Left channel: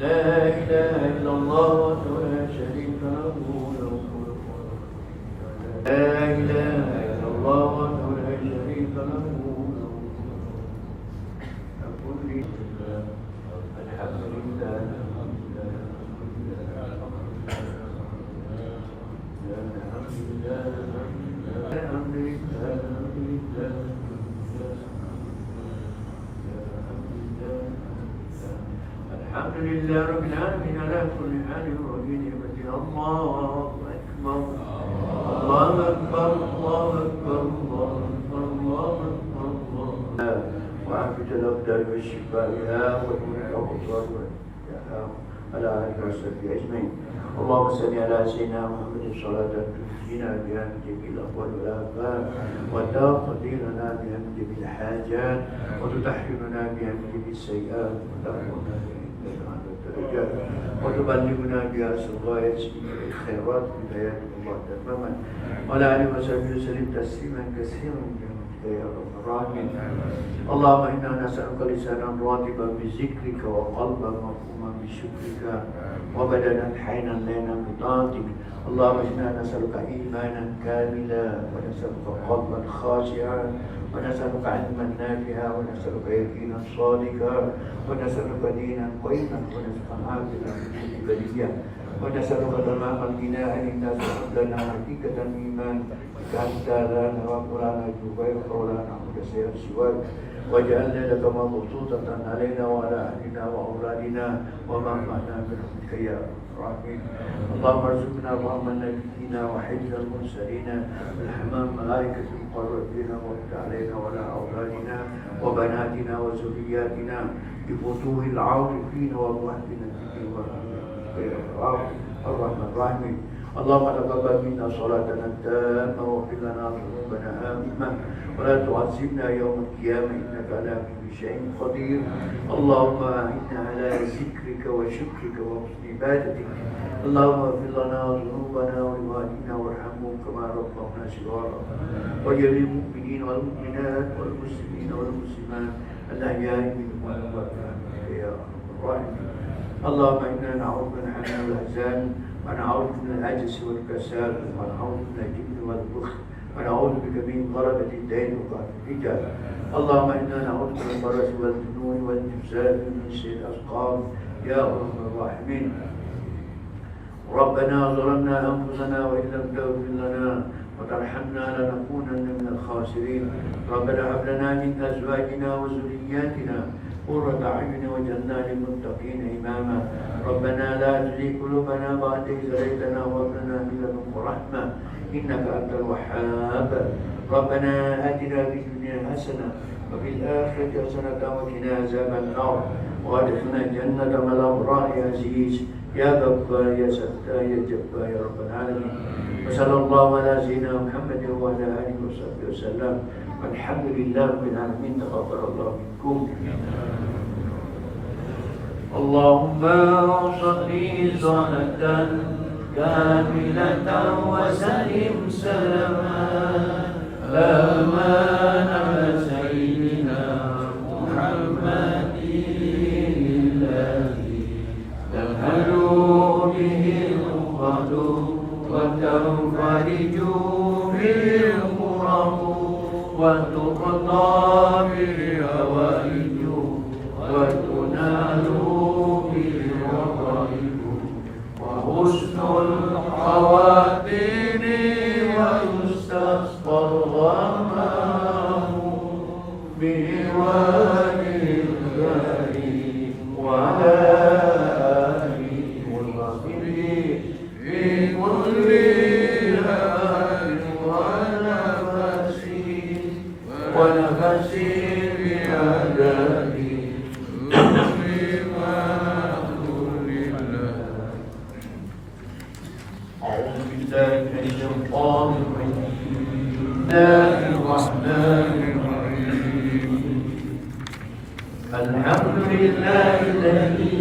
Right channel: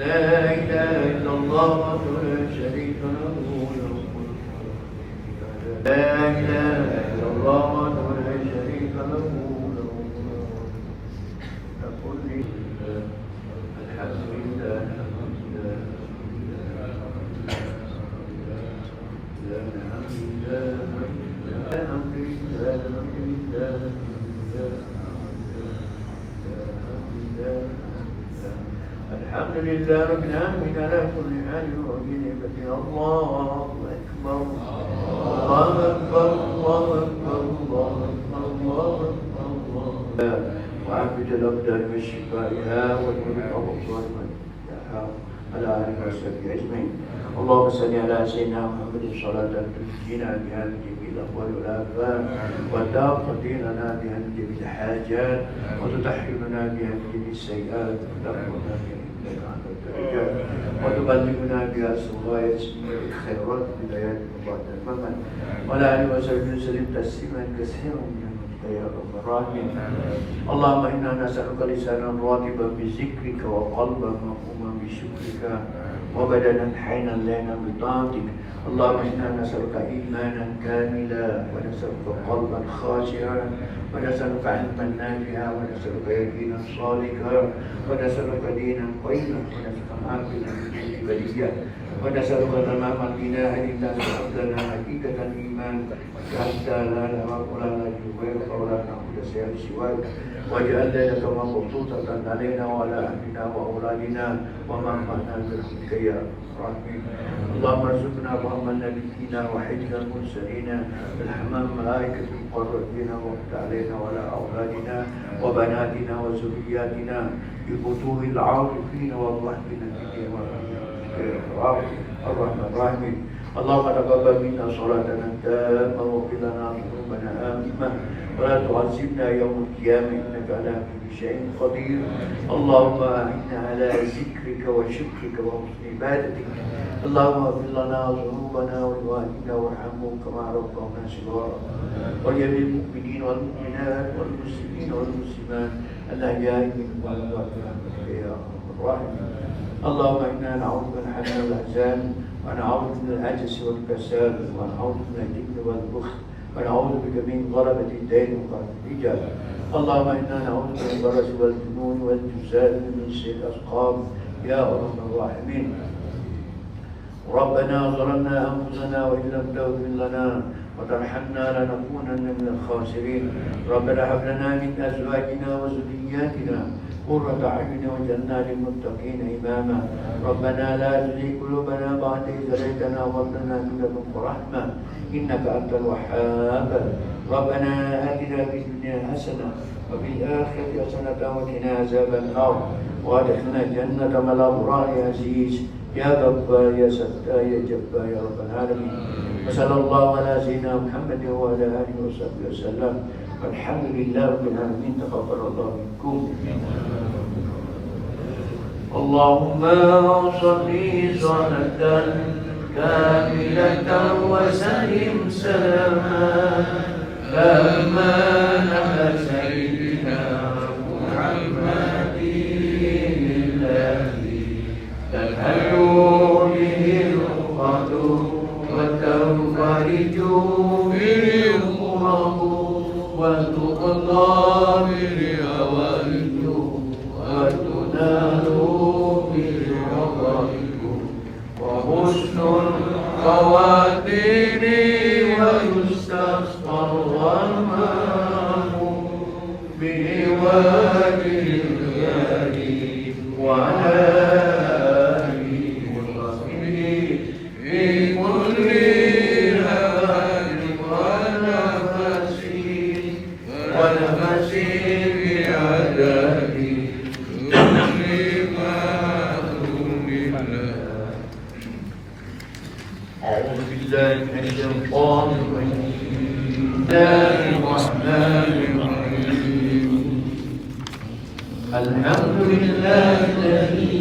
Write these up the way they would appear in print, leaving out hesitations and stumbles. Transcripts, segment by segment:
لا إله إلا الله وحده لا شريك له لا إله إلا الله وحده لا شريك له أقول لله الحمد لله الحمد لله رب العالمين على كل حال وفي نعمته. الله أكبر الله أكبر الله أكبر الله أكبر الله أكبر الله وعافية الأبدان بالشفائها والمنع والأبصار والإفتاحة على آله وصحبه أجمعين. اللهم صل على سيدنا محمد صلاة تنجينا بها من جميع الأقوال والآفات وتقضي لنا بها من جميع الحاجات وتطهرنا بها من جميع السيئات وترفعنا وتبلغنا بها غاية الخيرات بدايات الله تماما وعلى آله وصحبه وسلم تسليما كثيرا يا رب الراحمين. اللهم إنا نسألك لسانا راغبا بذكرك وقلبا مفهوما بشكرك وبدنا حينا لنا بطاعتك. اللهم إنا نسألك إيمانا كاملا ونسألك قلبا خاشعا ونسألك علما نافعا ونسألك يقينا صادقا ونسألك دينا قيما ونسألك عافية في بلية ونسألك تمام الغنى عن الناس وحمدنا حقيقة الإيمان حتى لا نرى ولا نجد غيرك ولا نعبد شيئا سواك واجعل لك مبسوطة علينا وعلى أهلنا وأولادنا ومنفعنا برحمتك يا الراحمين. اللهم ارزقنا فهم النبيين وحفظ المرسلين الحمام ملائكة المقربين وقت علينا وعلى أولادنا وبناتنا وذرياتنا بفتوح العارفين والرحمين الرحمن الرحيم. اللهم تقبل منا صلاتنا التامة واغفر لنا ذنوبنا آمنا ولا تعذبنا يوم القيامة إنك على كل شيء قدير. اللهم أعنا على ذكرك وشكرك وحسن عبادتك. اللهم اغفر لنا ذنوبنا ولوالدينا وارحمهم كما ربونا صغارا وجميع المؤمنين والمؤمنات والمسلمين والمسلمات الأحياء منهم والأموات يا أرحم الراحمين. اللهم إنا نعوذ من حزن الأحزان ونعوذ من العجز والكسال ونعوذ من الجبن والبخل ونعوذ بك من غلبة الدين وقهر الرجال. اللهم إنا نعوذ من البرص والجنون والجزال ومن سيء الأسقام يا أرحم الراحمين. ربنا ظلمنا أنفسنا وإن لم تغفر لنا وترحمنا لنكونن من الخاسرين. ربنا هب لنا من أزواجنا وذرياتنا قرة أعين واجعلنا للمتقين إماما. ربنا لا تزغ قلوبنا بعد إذ هديتنا وهب لنا من لدنك رحمة إنك أنت الوهاب. ربنا آتنا في الدنيا حسنة وفي الآخرة حسنة وقنا عذاب النار وادخلنا الجنة مع الأبرار يا عزيز يا غفار يا ستار يا جبار يا رب العالمين. وصلى الله على سيدنا محمد وعلى آله وصحبه وسلم والحمد لله رب العالمين. تقبل الله منكم. اللهم صل صلاة كاملة وسلم سلاما تاما على سيدنا محمد الذي تنهل به العقد وتنفرج به الكرب وتقضى به الهوائج وتنال به الرغائب وحسن الخواتيم ويستسقى الغمام بوادي الخيال وعلى آله وصحبه في كل هال ونفس بعذابه أعوذ بالله من الشيطان الرجيم. بسم الله الرحمن الرحيم. الحمد لله الذي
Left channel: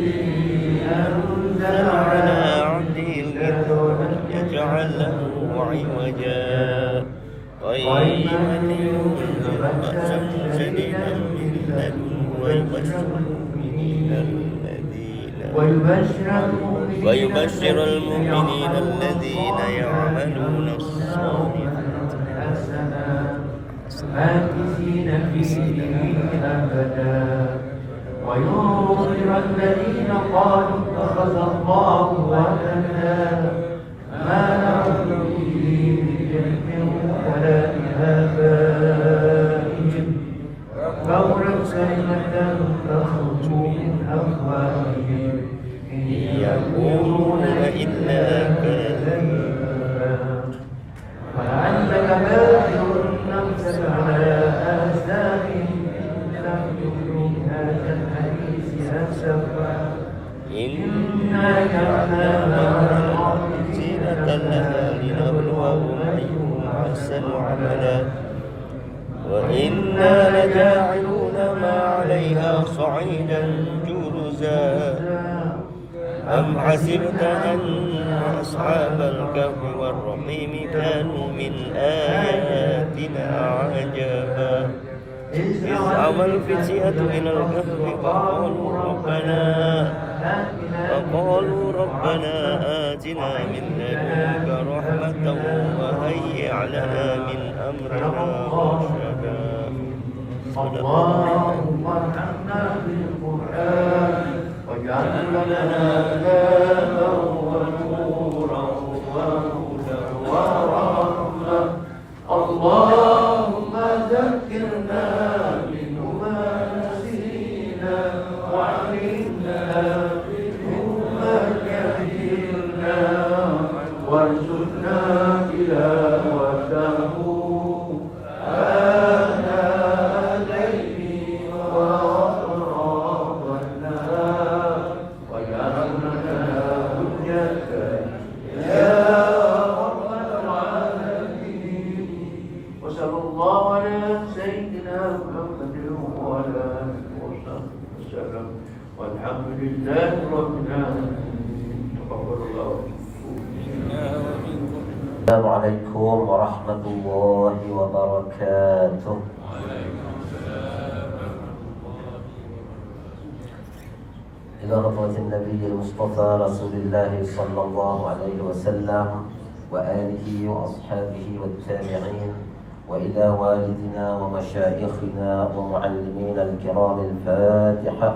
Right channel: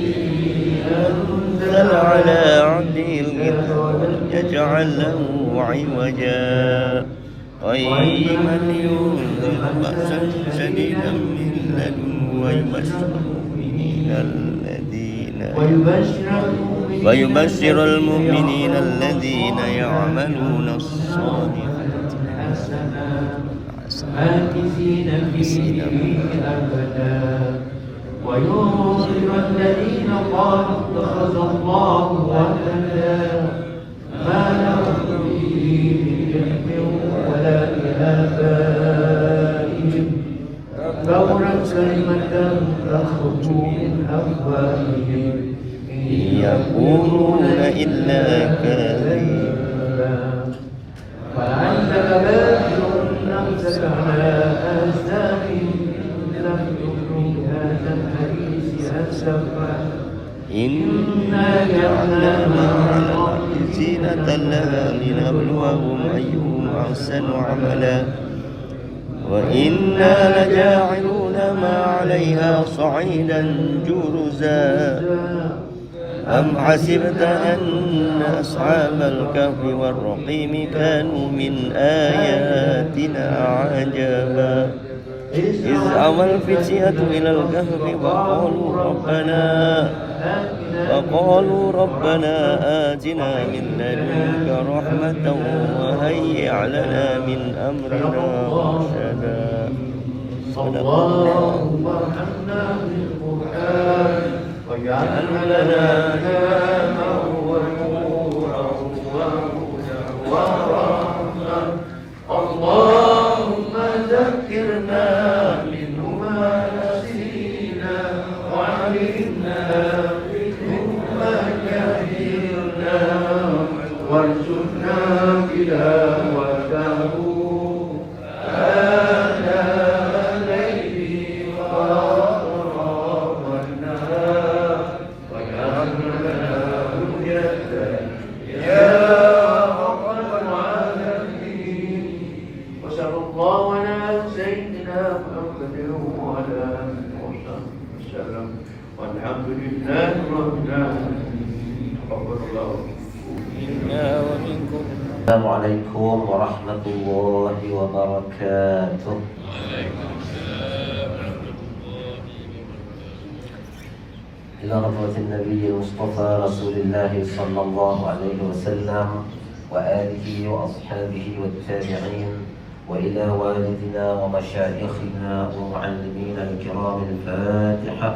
أنزل على عبده الكتاب ولم يجعل له عوجا قيما لينذر بأسا شديدا من لدنه ويبشر المؤمنين الذين ويبشر المؤمنين الذين يعملون الصالحات ماكثين فيه أبدا وينظر الذين قالوا اتخذ الله ولدا ما لهم به من علم ولا لآبائهم كبرت كلمة تخرج من أفواههم إن يقولون إلا كذبا فأنت باخر نفسك على آثارهم لم تؤمن هذا الحديث أسفا إنا جعلنا زينة لها لنبلوهم أيهم أحسن عملا وإنا لجاعلون ما عليها صعيدا جرزا أم حسبت أن أصحاب الكهف والرقيم كانوا من آياتنا عجبا إذ أوى الفتية إلى الكهف وقالوا ربنا آتنا من لدنك رحمة وهيئ لنا من أمرنا رشدا اللهم ارحمنا بالقرآن واجعلنا لنا إماما ونورا وهدى ورحمة اللهم ذكرنا منه ما نسينا وعلمنا منه ما جهلنا وارزقنا تلاوته آناء الليل وأطراف النهار واجعلنا هدية يا رب العالمين وصلى الله على سيدنا محمد وعلى آله وصحبه وسلم والحمد لله رب العالمين. السلام عليكم ورحمة الله وبركاته. إلى حضرة النبي المصطفى رسول الله صلى الله عليه وسلم وآله وأصحابه والتابعين وإلى والدنا ومشايخنا ومعلمينا الكرام الفاتحة.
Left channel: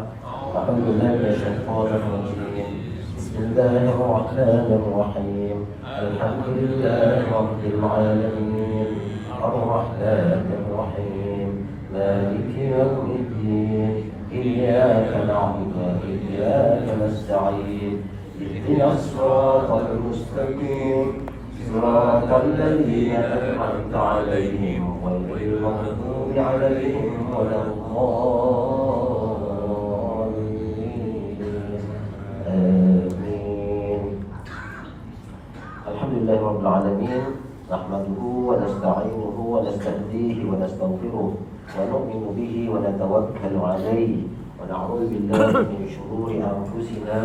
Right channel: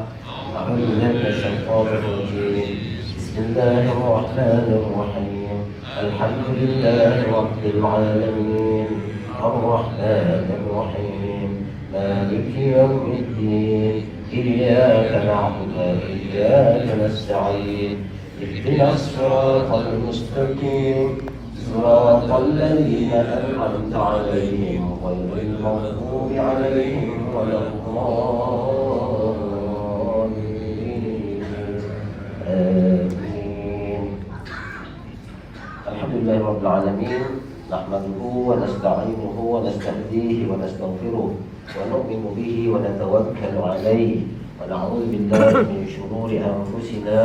أعوذ بالله من الشيطان الرجيم. بسم الله الرحمن الرحيم. الحمد لله رب العالمين الرحمن الرحيم مالك يوم الدين إياك نعبد وإياك نستعين اهدنا الصراط المستقيم صراط الذين أنعمت عليهم غير المغضوب عليهم ولا الضالين آمين. الحمد لله رب العالمين نحمده ونستعينه ونستهديه ونستغفره ونؤمن به ونتوكل عليه ونعوذ بالله من شرور أنفسنا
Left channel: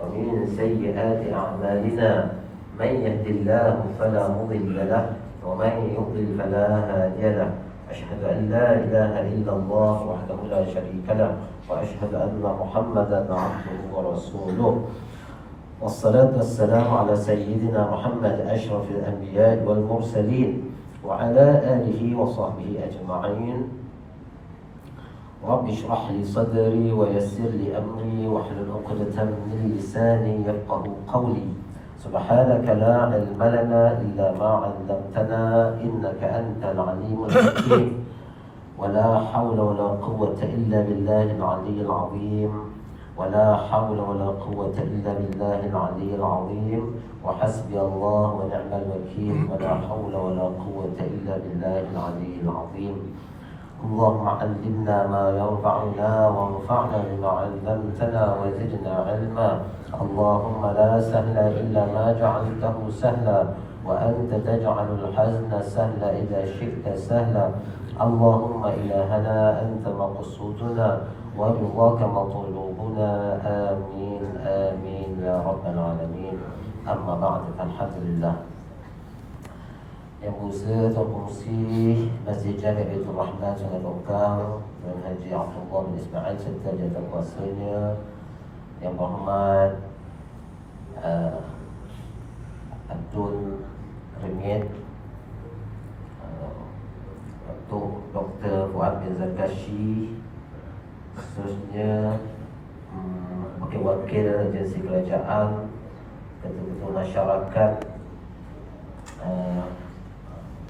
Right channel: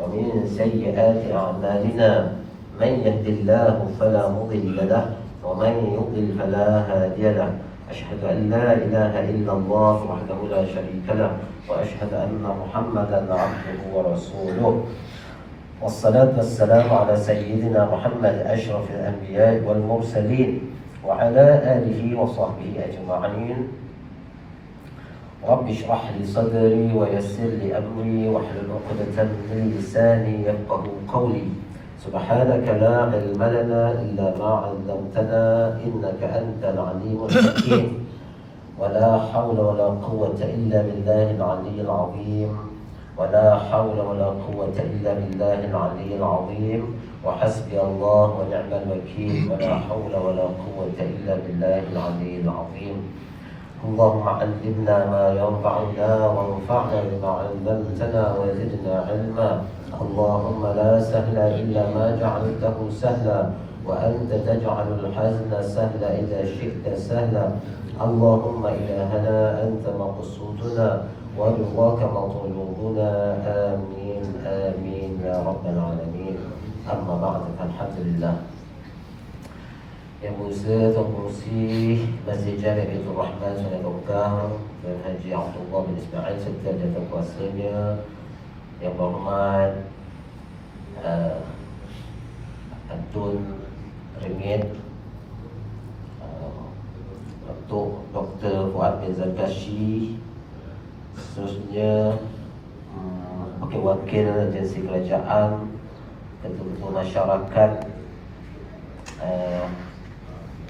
ومن سيئات أعمالنا من يهد الله فلا مضل له ومن يضلل فلا هادي له أشهد أن لا إله إلا الله وحده لا شريك له وأشهد أن محمدا عبده ورسوله والصلاة والسلام على سيدنا محمد أشرف الأنبياء والمرسلين وعلى آله وصحبه أجمعين. رب اشرح لي صدري ويسر لي أمري واحلل عقدة من لساني يفقه قولي. سبحانك لا علم لنا إلا ما علمتنا إنك أنت العليم الحكيم ولا حول ولا قوة إلا بالله العلي العظيم ولا حول ولا قوة إلا بالله العلي العظيم وحسبي الله ونعم الوكيل ولا حول ولا قوة إلا بالله العلي العظيم. اللهم علمنا ما ينفعنا وانفعنا بما علمتنا وزدنا علما. اللهم لا سهل إلا ما جعلته سهلا وأنت تجعل الحزن سهلا إذا شئت سهلا. اللهم إلهنا أنت مقصودنا ورضاك مطلوبنا آمين آمين يا رب العالمين. أما بعد فالحمد لله. Yang berusaha fungsi Masjid Jami' Baitur Rahman Sunat Ukar dan Haji Abdullah bin Ismail serta jatuh kuasanya Yang berhormat Tun Ringit, Datuk Dr. Fuad bin Zarkashi, seterusnya wakil-wakil agensi kerajaan, ketua-ketua masyarakat,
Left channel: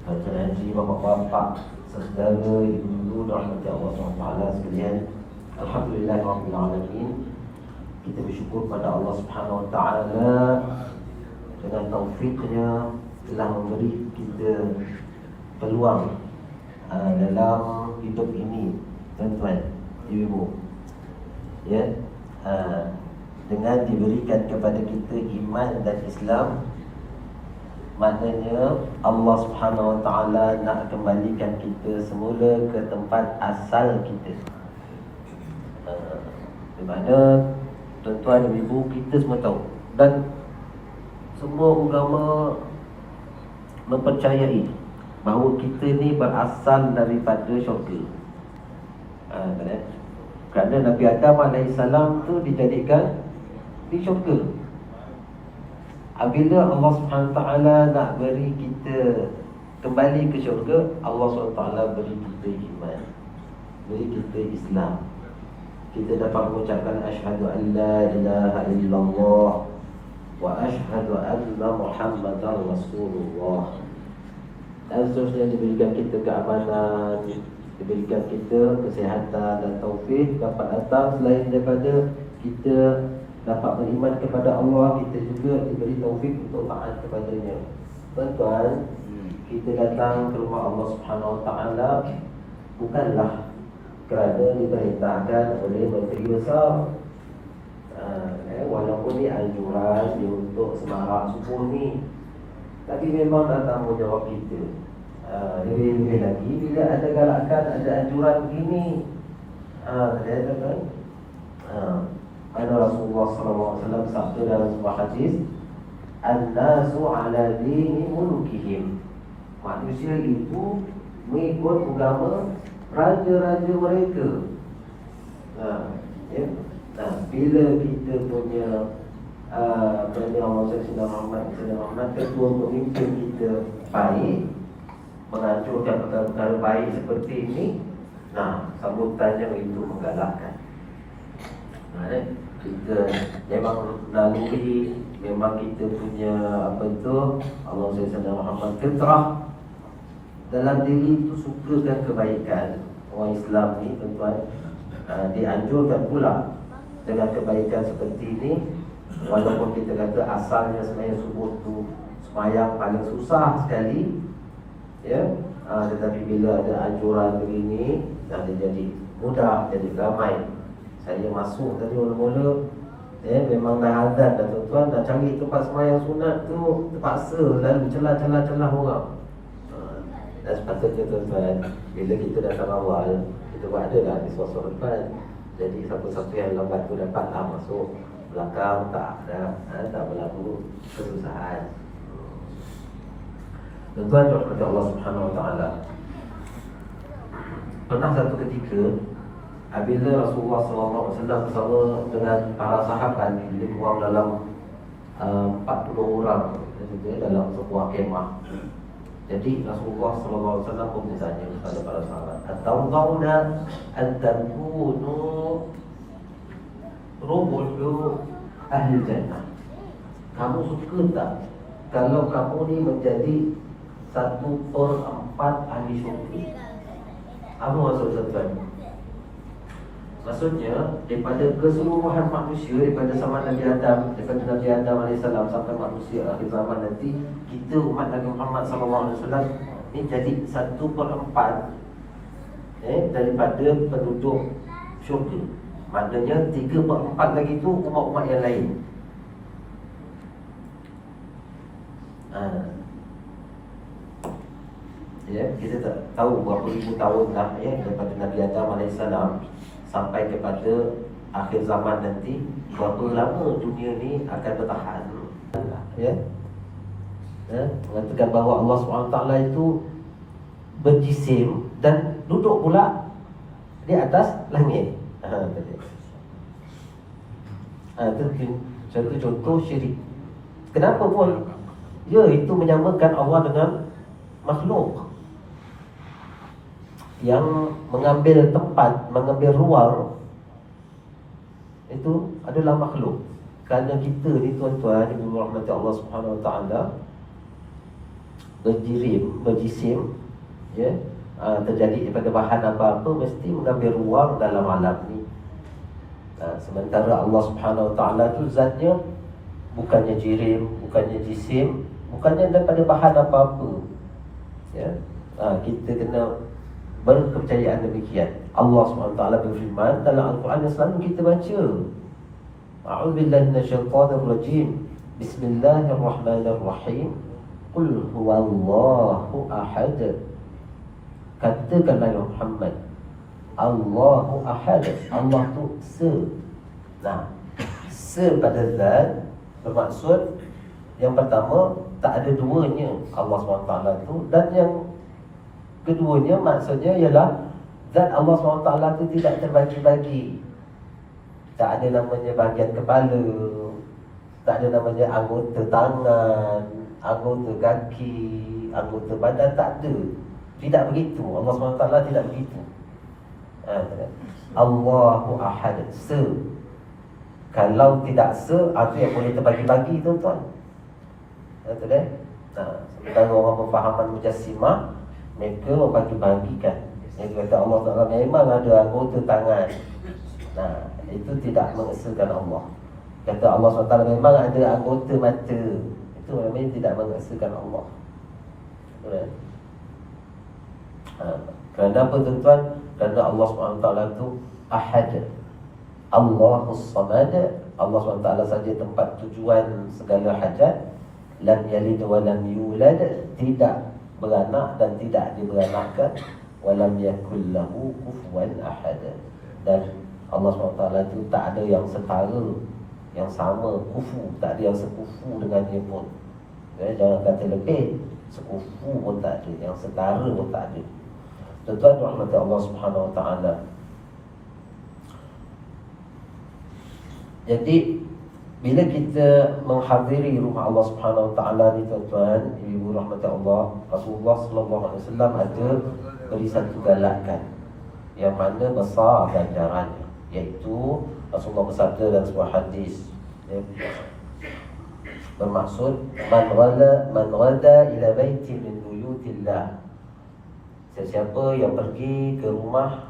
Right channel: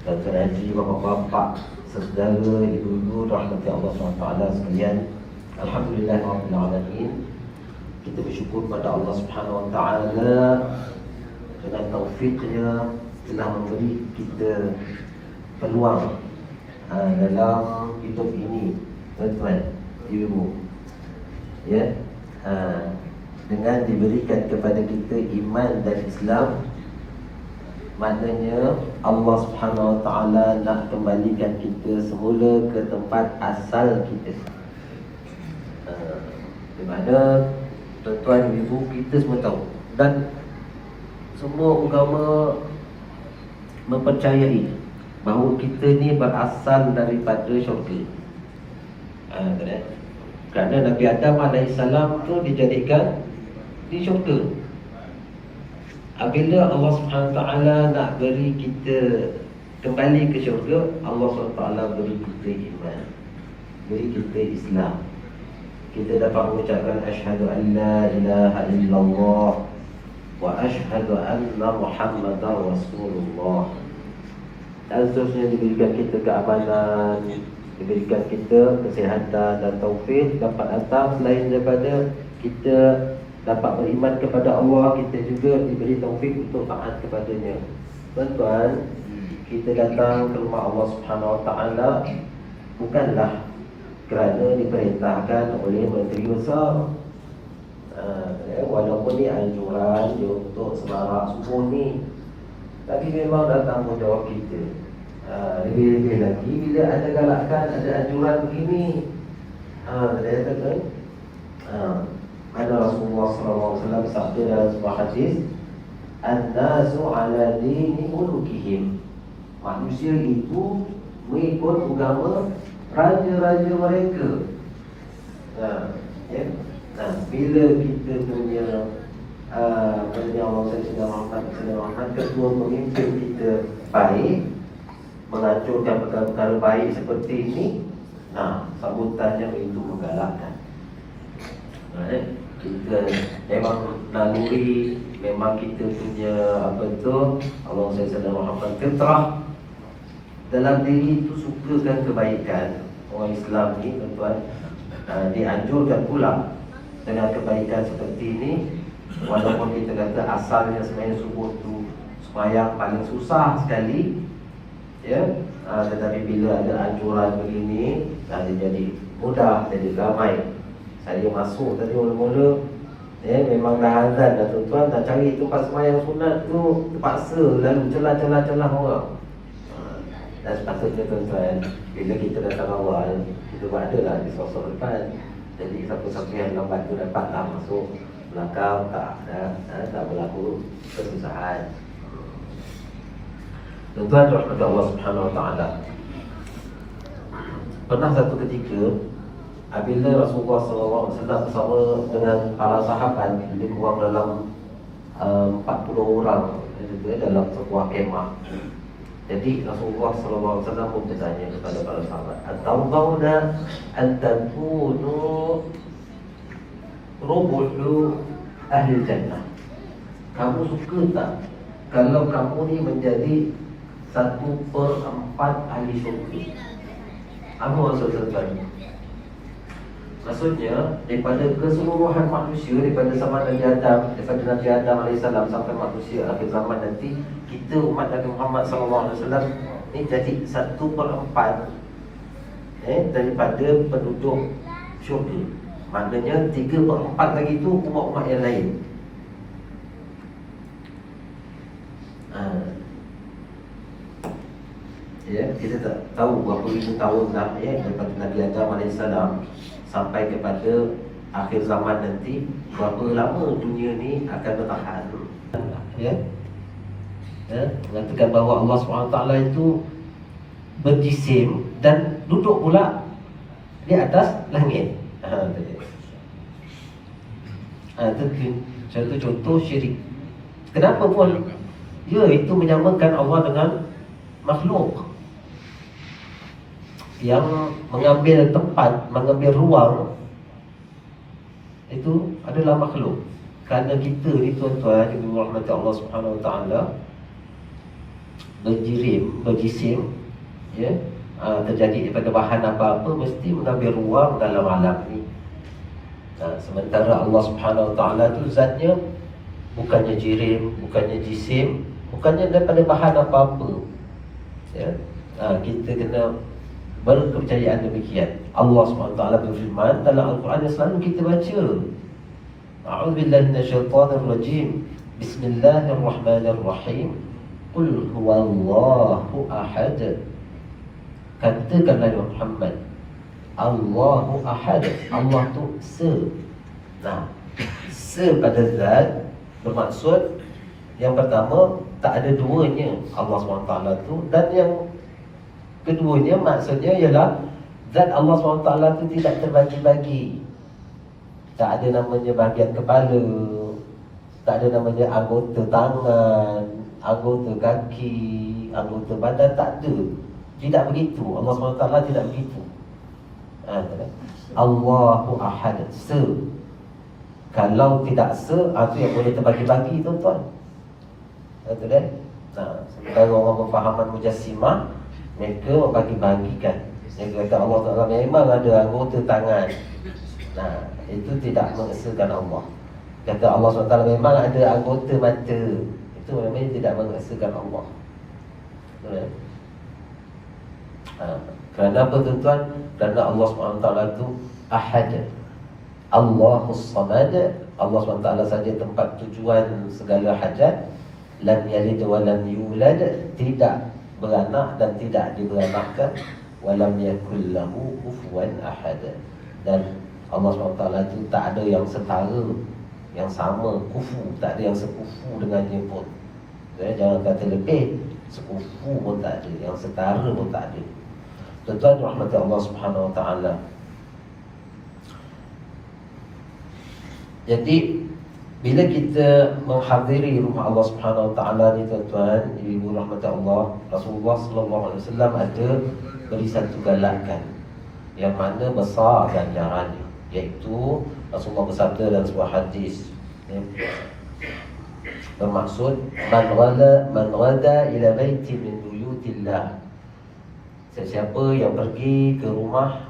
Dr. Haji, bapak-bapak, saudara, ibu-ibu, rahmati Allah SWT sekalian. Alhamdulillahirrahmanirrahim. Kita bersyukur pada Allah SWT dengan taufiknya telah memberi kita peluang dalam hidup ini, tuan-tuan, ibu, ya, dengan diberikan kepada kita iman dan Islam. Maknanya Allah Subhanahu Wa Taala nak kembalikan kita semula ke tempat asal kita. Di mana tuan-tuan ibu kita semua tahu, dan semua agama mempercayai bahawa kita ni berasal daripada syurga. Kerana Nabi Adam AS tu dijadikan di syurga. Apabila Allah SWT nak beri kita kembali ke syurga, Allah SWT beri kita iman, beri kita Islam. Kita dapat mengucapkan asyhadu an la ilaha illallah wa asyhadu anna Muhammadar Rasulullah. Dan seterusnya diberikan kita keamanan, diberikan kita kesihatan dan taufik dapat datang. Selain daripada kita dapat beriman kepada Allah, kita juga diberi taufik untuk taat kepadanya. Tuan-tuan, kita datang ke rumah Allah Subhanahu Wa Taala bukanlah kerana diperintahkan oleh Menteri Besar. Walaupun dia anjuran dia untuk semarak subuh ni, tapi memang dah tanggungjawab kita. Lebih-lebih lagi bila ada galakan, ada anjuran begini, dia kata mana Rasulullah SAW sabda dalam sebuah hadis, an-nasu ala dini mulukihim. Manusia itu mengikut agama raja-raja mereka. Bila kita punya Kerana Allah Rahmat ketua pemimpin kita baik, menghancurkan perkara-perkara baik seperti ini, sambutannya itu menggalakkan. Kita memang naluri, memang kita punya Allah Muhammad fitrah dalam diri itu sukakan kebaikan. Orang Islam ni tuan-tuan dianjurkan pula dengan kebaikan seperti ini. Walaupun kita kata asalnya sebenarnya subuh tu sembahyang paling susah sekali, ya, tetapi bila ada anjuran begini, dia jadi mudah, jadi ramai. Saya masuk tadi mula-mula, memang dah azan dah tuan-tuan, nak cari tempat sembahyang sunat tu terpaksa lalu celah-celah orang. Dan sepatutnya tuan-tuan, bila kita datang awal, kita buat adalah di sosok depan. Jadi siapa-siapa yang lambat tu dapatlah masuk belakang, tak berlaku kesusahan. Tuan-tuan rahmat Allah Subhanahu Wa Taala. Pernah satu ketika apabila Rasulullah SAW bersama dengan para sahabat, lebih kurang dalam 40 orang dalam sebuah kemah. Jadi Rasulullah SAW pun bertanya kepada para sahabat, "Atawdawna an takunu rubuhu ahli jannah?" Kamu suka tak kalau kamu ni menjadi 1/4 ahli syurga? Apa maksudnya? Maksudnya daripada keseluruhan manusia, daripada zaman Nabi Adam, daripada Nabi Adam AS sampai manusia akhir zaman nanti, kita umat Nabi Muhammad SAW ni jadi 1/4 daripada penduduk syurga. Maknanya 3/4 lagi tu umat-umat yang lain. Kita tak tahu berapa ribu tahun dah daripada Nabi Adam AS sampai kepada akhir zaman nanti, berapa lama dunia ni akan bertahan. Mengatakan bahawa Allah SWT itu berjisim dan duduk pula di atas langit. Itu contoh syirik. Kenapa pun? Ya, itu menyamakan Allah dengan makhluk yang mengambil tempat, mengambil ruang. Itu adalah makhluk. Kerana kita ni tuan-tuan, ibu rahmat Allah Subhanahu Wa Taala, berjisim, ya, terjadi daripada bahan apa-apa mesti mengambil ruang dalam alam ni. Sementara Allah Subhanahu Wa Taala tu zatnya bukannya jirim, bukannya jisim, bukannya daripada bahan apa-apa. Ya, kita kena berkepercayaan demikian. Allah Subhanahu Wa Taala berfirman dalam Al-Quran yang selalu kita baca. A'udzubillahi minasyaitonir rajim. Bismillahirrahmanirrahim. Qul huwallahu ahad. Katakanlah ya Muhammad, Allahu ahad. Allah tu se pada zat, bermaksud yang pertama tak ada duanya Allah SWT tu, dan yang keduanya maksudnya ialah zat Allah SWT tu tidak terbagi-bagi. Tak ada namanya bahagian kepala, tak ada namanya anggota tangan, anggota kaki, anggota badan, tak ada. Tidak begitu. Allah SWT tidak begitu. Allahu ahad, se. Kalau tidak se, itu yang boleh terbagi-bagi, tuan-tuan. Betul kan? Sementara orang berfahaman Mujassimah, mereka membagi-bagikan. Mereka kata Allah Ta'ala memang ada anggota tangan. Itu tidak mengesahkan Allah. Kata Allah SWT memang ada anggota mata. Itu memang tidak mengesahkan Allah. Betul kan? Kerana apa tuan-tuan? Kerana Allah SWT itu ahad, Allahus samad. Allah SWT saja tempat tujuan segala hajat. Lam yalid wa lam yulad, tidak beranak dan tidak diberanakkan. Wa lam yakul lahu kufuwan ahad. Dan Allah SWT itu tak ada yang setara, yang sama, kufu, tak ada yang sekufu dengannya pun. Jangan kata lebih, sekufu pun tak ada, yang setara pun tak ada. Tuan-tuan rahmati Allah Subhanahu Wa Taala. Jadi bila kita menghadiri rumah Allah Subhanahu Wa Taala ni tuan-tuan, ibu rahmati Allah, Rasulullah sallallahu alaihi wasallam ada beri satu galakan yang mana besar ganjarannya, iaitu Rasulullah bersabda dalam sebuah hadis, ya, bermaksud man ghada ila baiti min buyutillah. Sesiapa yang pergi ke rumah,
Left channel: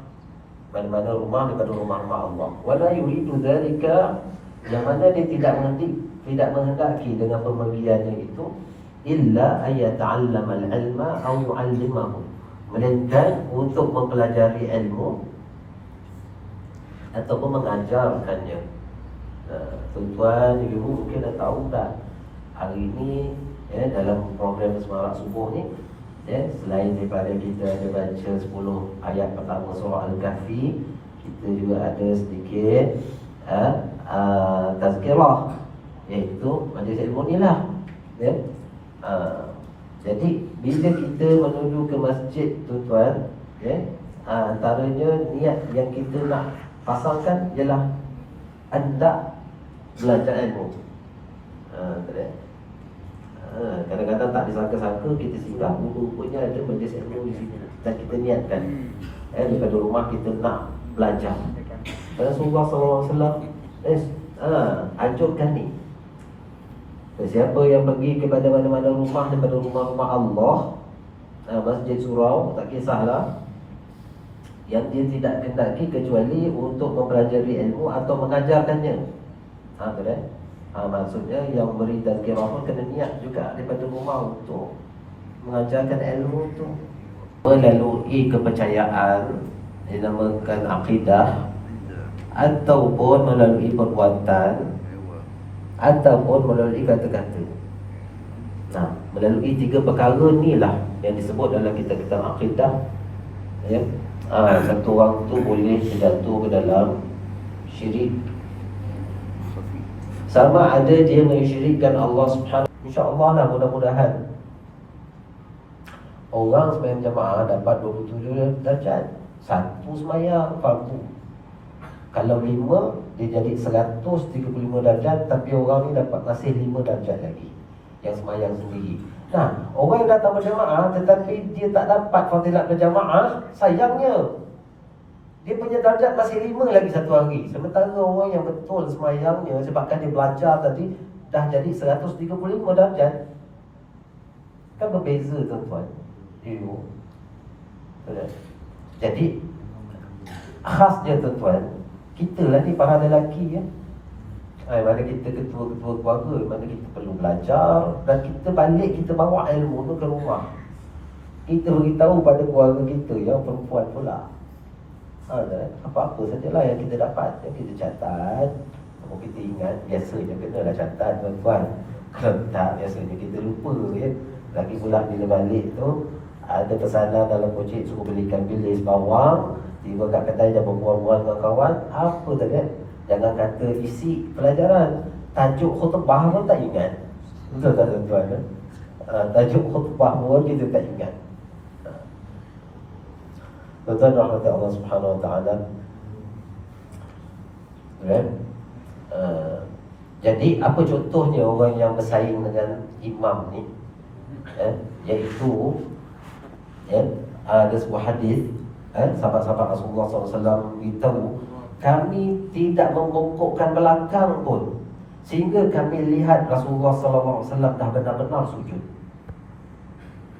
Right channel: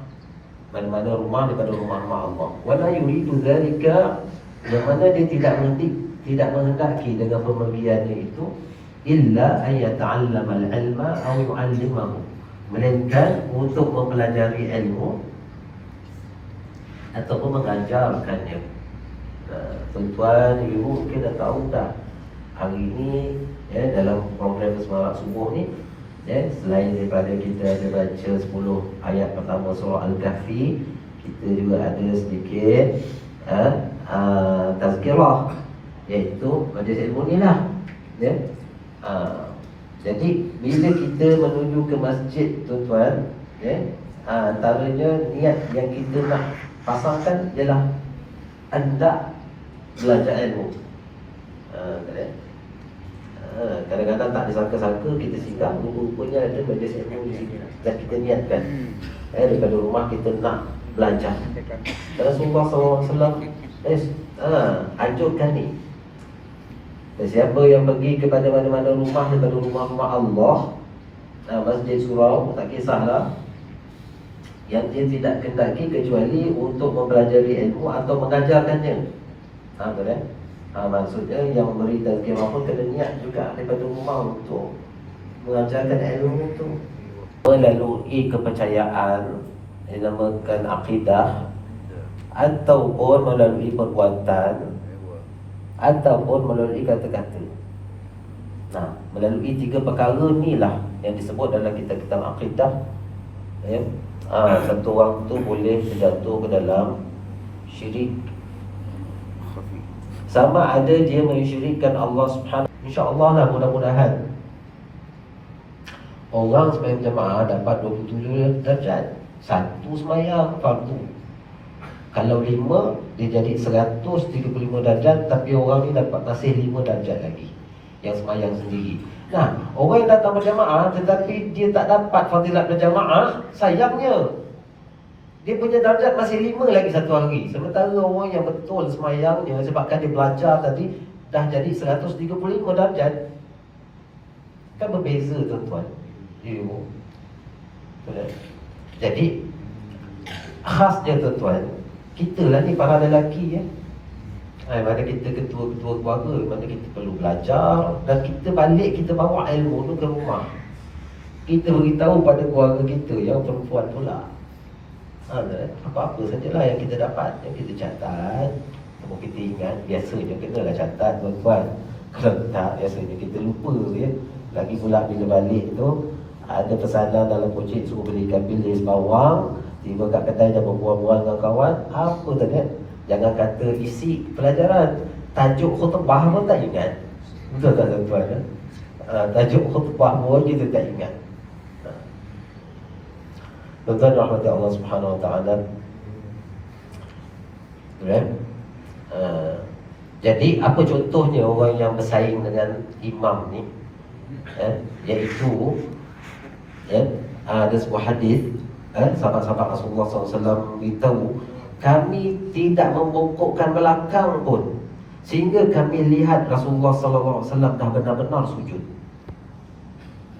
mana-mana rumah daripada rumah-rumah Allah, wala yuridu dzalika, yang mana dia tidak menghendaki dengan pemeriannya itu, illa ay yata'allama al-ilma aw yu'allimahu, melainkan untuk mempelajari ilmu ataupun mengajarkannya. Tuan-tuan, ibu mungkin dah tahu tak, hari ini dalam program semarak subuh ni, selain daripada kita ada baca 10 ayat pertama surah Al-Kahfi, kita juga ada sedikit tazkirah, iaitu majlis ilmu ni lah. Jadi bila kita menuju ke masjid tuan-tuan, antaranya niat yang kita nak pasangkan ialah hendak belajar ilmu. Kadang-kadang tak disangka-sangka kita sikap rupanya ada majlis ilmu di sini, dan kita niatkan daripada rumah kita nak belajar. Dan Rasulullah SAW anjurkan ni, siapa yang pergi kepada mana-mana rumah daripada rumah-rumah Allah, masjid, surau, tak kisahlah, yang dia tidak hendaki kecuali untuk mempelajari ilmu atau mengajarkannya. Betul kan? Maksudnya yang memberi tazkirah pun kena niat juga daripada rumah untuk mengajarkan ilmu itu. Melalui kepercayaan, dinamakan akidah, ataupun melalui perbuatan, ataupun melalui kata-kata. Melalui 3 perkara ni lah yang disebut dalam kitab-kitab akidah. Satu orang tu boleh terjatuh ke dalam syirik. Sama ada dia mensyirikkan Allah Subhanahu. InsyaAllah lah, mudah-mudahan orang sembahyang jemaah dapat 27 darjat. Satu sembahyang fardu. Kalau 5 dia jadi 135 darjat, tapi orang ni dapat masih 5 darjat lagi yang semayang sendiri. Nah, orang yang datang berjamaah tetapi dia tak dapat fadilat berjamaah, sayangnya dia punya darjat masih 5 lagi satu hari. Sementara orang yang betul semayangnya sebabkan dia belajar tadi dah jadi 135 darjat. Kan berbeza tuan-tuan. Jadi khasnya tuan-tuan, kita lah ni para lelaki ya. Mana kita ketua-ketua keluarga, mana kita perlu belajar, dan kita balik kita bawa ilmu tu ke rumah. Kita beritahu pada keluarga kita yang perempuan pula. Apa-apa sajalah yang kita dapat, yang kita catat. Kalau kita ingat, biasanya kenalah catat tuan-tuan. Kalau tak, biasanya kita lupa ya. Lagi pula bila balik tu ada pesanan dalam kucing suruh belikan bilis bawang. Tiba kat kedai dah berbual-bual dengan kawan. Apa tadi? Jangan kata isi pelajaran, tajuk khutbah pun tak ingat. Betul tak tuan-tuan ya? Tajuk khutbah pun kita tak ingat. Tuan-tuan rahmati Allah Subhanahu Wa Taala. Jadi apa contohnya orang yang bersaing dengan imam ni? Iaitu ada sebuah hadis, sahabat-sahabat Rasulullah SAW beritahu, kami tidak membongkokkan belakang pun sehingga kami lihat Rasulullah SAW dah benar-benar sujud.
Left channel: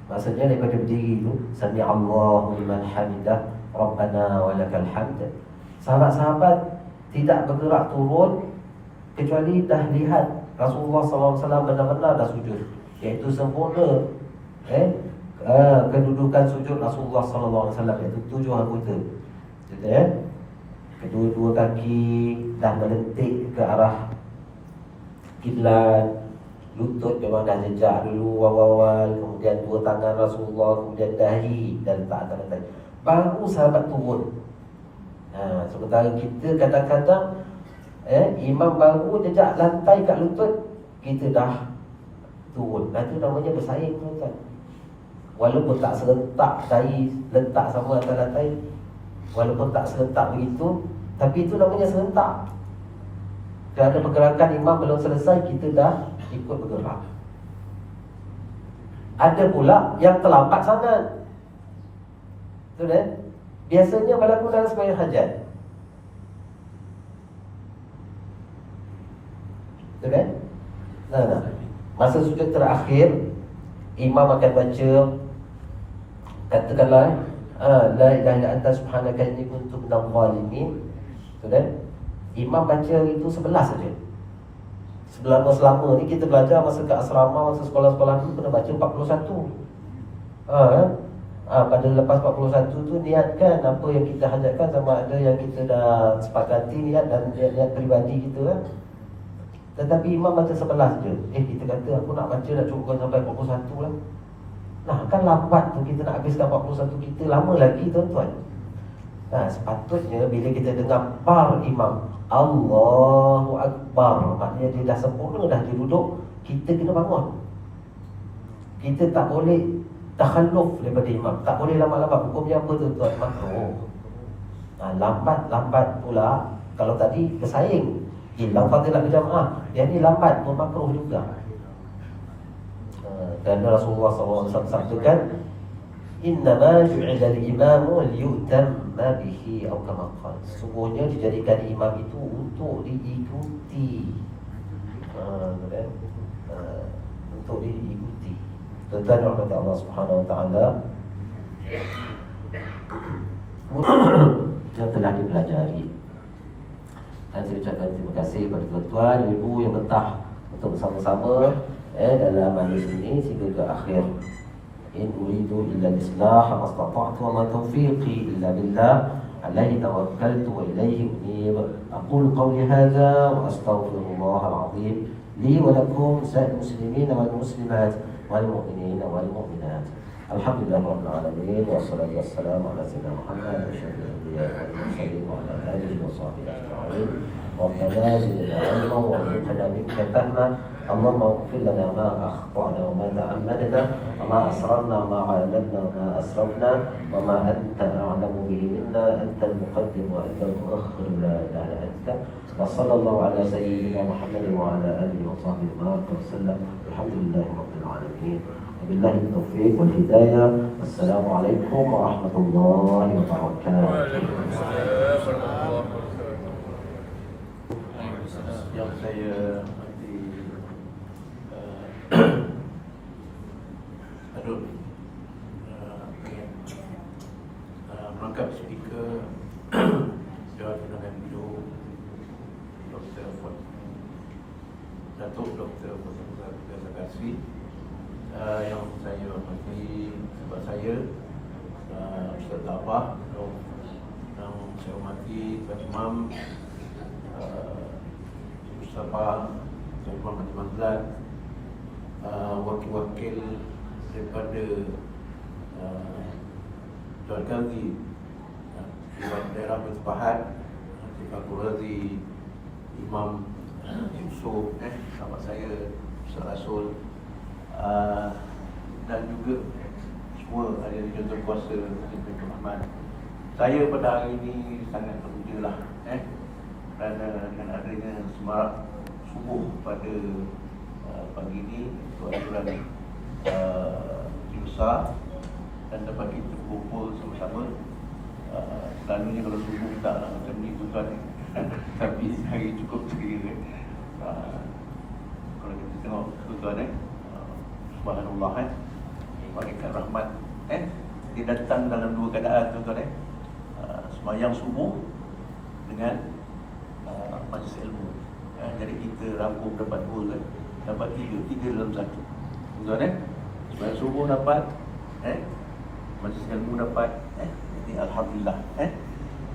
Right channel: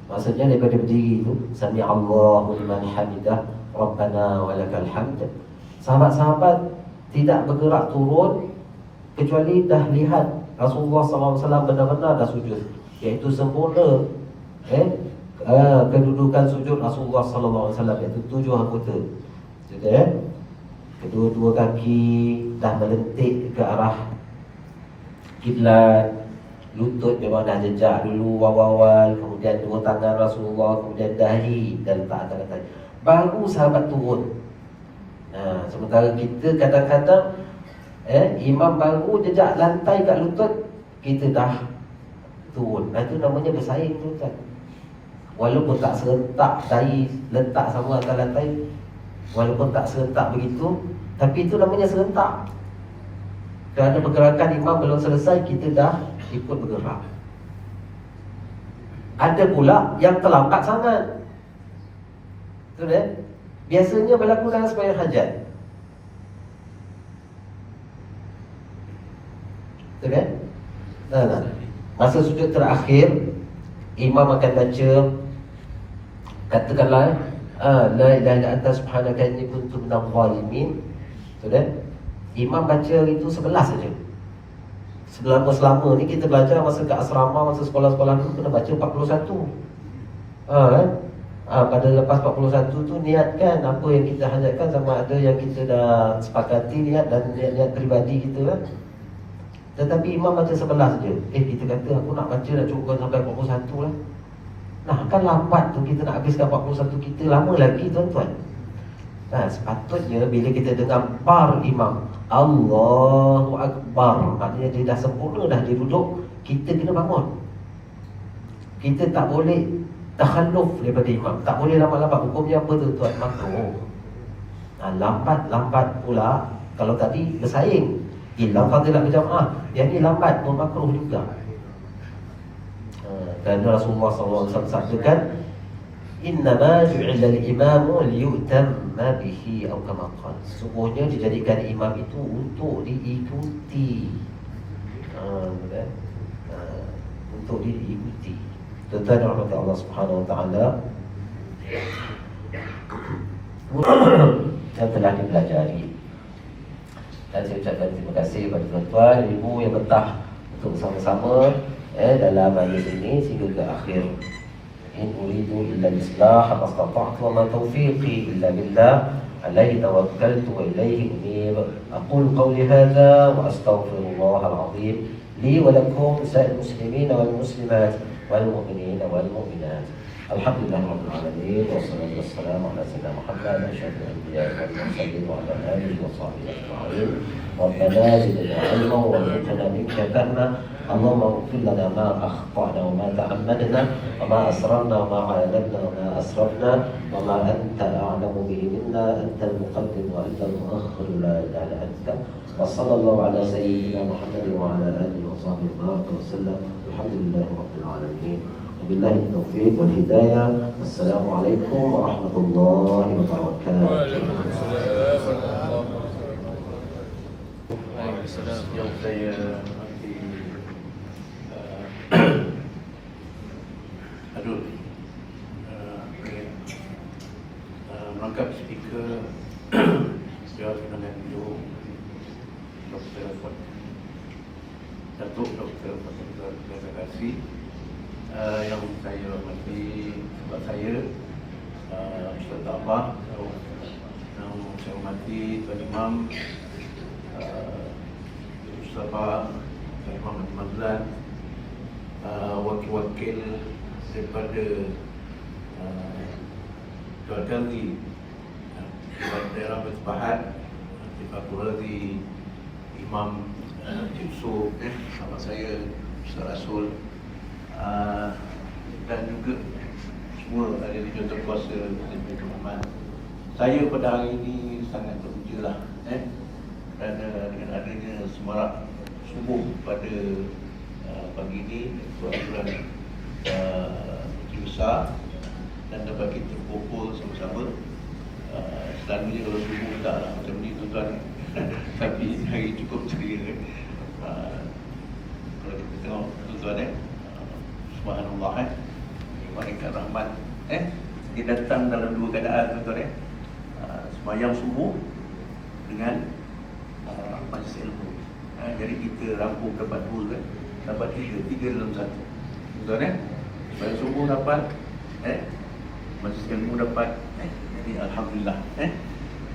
Maksudnya daripada berdiri itu, Sami'allahu liman hamidah, Rabbana walakal hamd. Sahabat-sahabat tidak bergerak turun kecuali dah lihat Rasulullah SAW benar-benar dah sujud, iaitu sempurna kedudukan sujud Rasulullah SAW, iaitu 7 anggota. Kedua-dua kaki dah melentik ke arah kiblat, lutut memang dah jejak dulu awal-awal, kemudian 2 tangan Rasulullah, kemudian dahi dan letak atas. Baru sahabat turun. Sementara kita kadang-kadang imam baru jejak lantai kat lutut, kita dah turun. Itu namanya bersaing tuan-tuan. Walaupun tak serentak dahi letak sama atas lantai, walaupun tak serentak begitu, tapi itu namanya serentak. Kerana pergerakan imam belum selesai, kita dah ikut bergerak. Ada pula yang terlambat sangat. Betul kan? Biasanya berlaku dalam sembahyang hajat. Betul kan? Masa sujud terakhir, imam akan baca, katakanlah la ilaha illa anta subhanaka inni kuntu minadh dhalimin. Betul kan? Imam baca itu 11 saja. Selama ni kita belajar masa ke asrama, masa sekolah-sekolah dulu kena baca 41. Pada lepas 41 tu niatkan apa yang kita hajatkan, sama ada yang kita dah sepakati niat dan niat peribadi kita lah. Tetapi imam baca 11 saja. Kita kata aku nak baca dah cukup sampai 41 lah. Nah kan lambat tu, kita nak habiskan 41 kita lama lagi tuan-tuan. Sepatutnya bila kita dengar bar imam Allahu Akbar, maknanya dia dah sempurna, dah dia duduk, kita kena bangun. Kita tak boleh takhalluf daripada imam, tak boleh lambat-lambat. Hukumnya apa tuan-tuan? Makruh. Lambat-lambat pula, kalau tadi bersaing hilang fadilah berjamaah, yang ni lambat pun makruh juga. Dan Rasulullah SAW sabdakan, innama ju'ila al-imamu liyutamma bihi atau kama qala. Sungguhnya dijadikan imam itu untuk diikuti. Untuk diikuti. Tuan-tuan rahmat Allah Subhanahu Wa Taala, yang telah dipelajari. Dan saya ucapkan terima kasih kepada tuan-tuan, ibu yang betah untuk bersama-sama dalam majlis ini sehingga ke akhir. In uridu illa al-islah ma istata'tu wa ma tawfiqi illa billah alayhi tawakkaltu wa ilayhi unib. Aqulu qawli hadha wa astaghfirullah al-azim li wa lakum sa'il muslimin wal muslimat wal mu'minin wal mu'minat. Alhamdulillahirabbil alamin wassalatu wassalamu ala sayyidina Muhammad asyrafil anbiya'i wal mursalin wa ala alihi wa sahbihi ajma'in. Rabbana zidna ilma wa warzuqna minka fahma. Allahumma ighfir lana ma akhta'na wa ma ta'ammadna wa ma asrarna wa ma a'lanna wa ma asrafna wa ma anta a'lamu bihi minna antal muqaddim wa antal muakhkhir la ilaha illa anta. Wa sallallahu ala sayyidina Muhammad wa ala alihi wa sahbihi wa sallam. Alhamdulillahirabbil alamin. Wabillahi taufiq wal hidayah. Assalamualaikum warahmatullahi wabarakatuh. Waalaikumsalam warahmatullahi wabarakatuh. Yang saya nanti menangkap speaker Jawab Undangan Hidup Datuk Dr. Fatimah Kasih, yang saya hormati sebab saya Ustaz Abah, yang saya hormati Tuan Imam Mustafa, Tuan Imam Mazlan, wakil-wakil daripada Tuan Qazi daerah Bersepahat, Tifatul Razi, Imam Yusuf, sahabat saya Ustaz Rasul, dan juga semua ada di Contoh Kuasa Nabi Muhammad. Saya pada hari ini sangat bergembira kerana dengan adanya semarak subuh pada pagi ini, tuan-tuan besar, dan dapat kita berkumpul sama-sama. Selalunya kalau subuh tak macam ni tuan-tuan, tapi hari cukup ceria. Kalau kita tengok tuan-tuan subhanallah, malaikat rahmat dia datang dalam dua keadaan tuan-tuan, sembahyang subuh dengan majlis ilmu. Jadi kita rangkum dapat dua, dapat tiga dalam satu tuan-tuan. Sembahyang subuh dapat, majlis ilmu dapat, jadi alhamdulillah.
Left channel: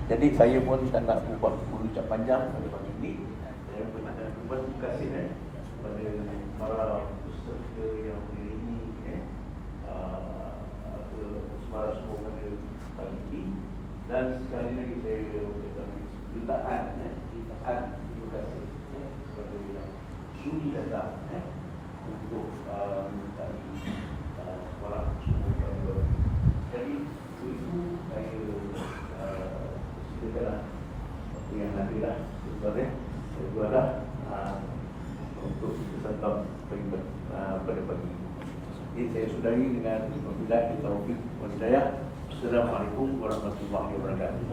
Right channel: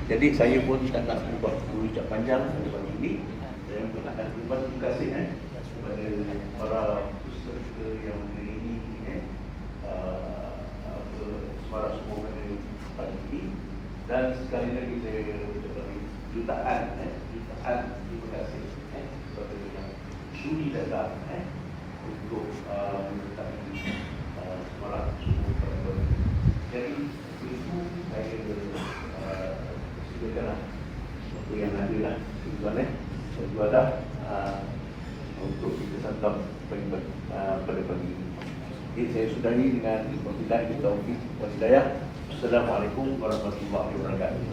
Jadi saya pun tak nak buat ucap panjang pada pagi ini. Saya nak terima kasih kepada para peserta yang hari ini semarak semua pada pagi ini. Dan sekali lagi saya jutaan terima kasih kepada yang sudi datang untuk semarak semua. Jadi itu saya silakan apa yang ada lah tuan-tuan, saya juga dah untuk kita santap pada pagi ini. Jadi saya sudahi dengan wabillahi taufiq wal hidayah. Assalamualaikum warahmatullahi wabarakatuh.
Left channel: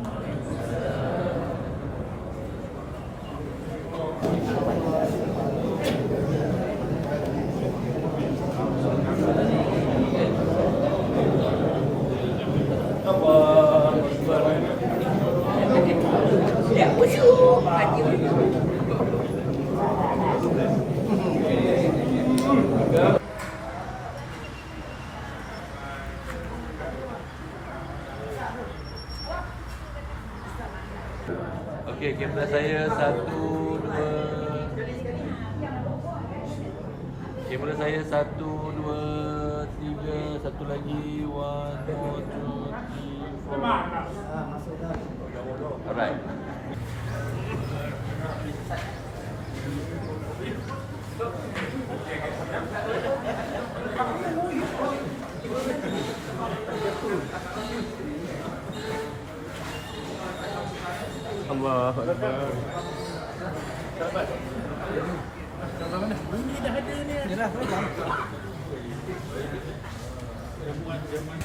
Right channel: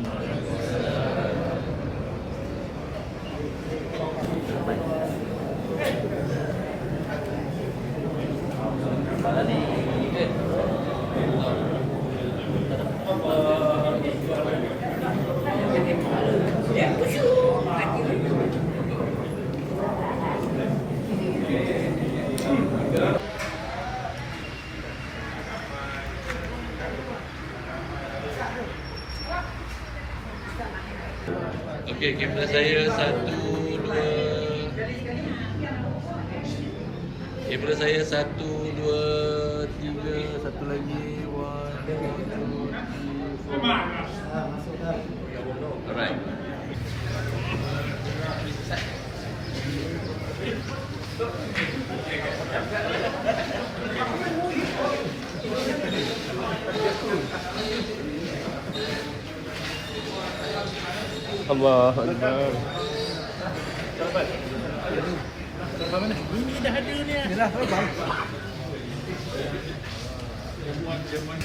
Okey, kamera saya 1, 2. Kamera saya 1, 2, 3, satu lagi. 1, 2, 3, 4. Masuk dah. Alright. Allah Akbar. Sahabat. Sahabat mana? Ini dah ada ni. Yalah, bang. Jamuan.